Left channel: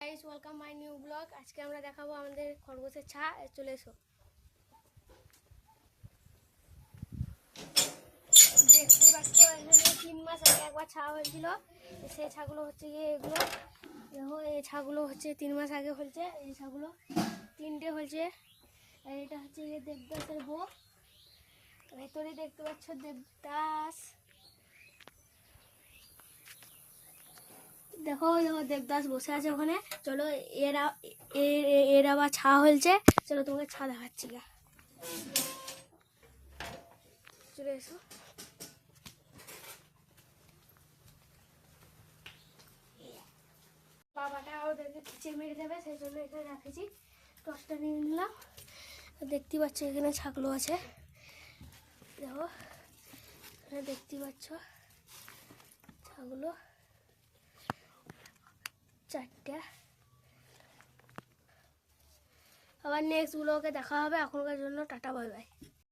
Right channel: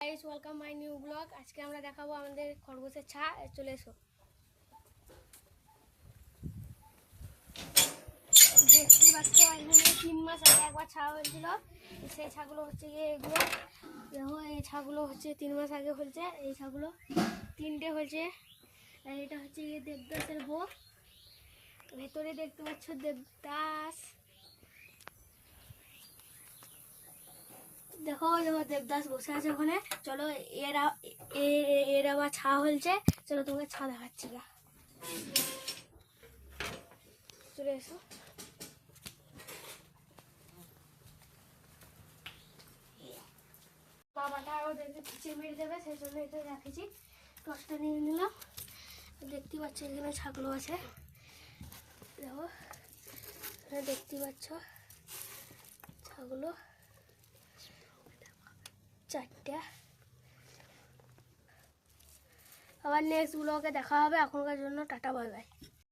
Guys welcome my new blog. আজকে আমরা দেখাবো আমাদের খরগোশের ছা। চলে এসো, দেখতে পাচ্ছ এখানে 3 মাস আগে একবার ছা হয়েছিল। সেই ছাগুলো হচ্ছে গিয়ে এগুলো দেখো, এই ছাগুলো হচ্ছে 3 মাস আগে হয়েছে। এই ছাগুলো 3টে হয়েছে। আর এটা হচ্ছে গিয়ে দেবদাসের বউ। ভেতরে দেখতে পাচ্ছ দেবদাস, দেখো দেখো দেবদাস বসে আছে ওখানে। চলো এর আবার ছা হয়েছে, চলো তোমাকে ছা দেখাচ্ছি। চলে এসো। বাবাটা আরো খিচিড়ি মেরে দেবে, সেই জন্য এটা রাখেছি। টসটা নিয়ে নিলাম। দেখতে পাচ্ছ এখানে ছাগলো আছে, দেখো এখানে দেখতে পাচ্ছ ছাগলো 4টা। আবার নেক্সট ব্লগে দেখা হবে। এখনকার জন্য টাটা, বাই বাই।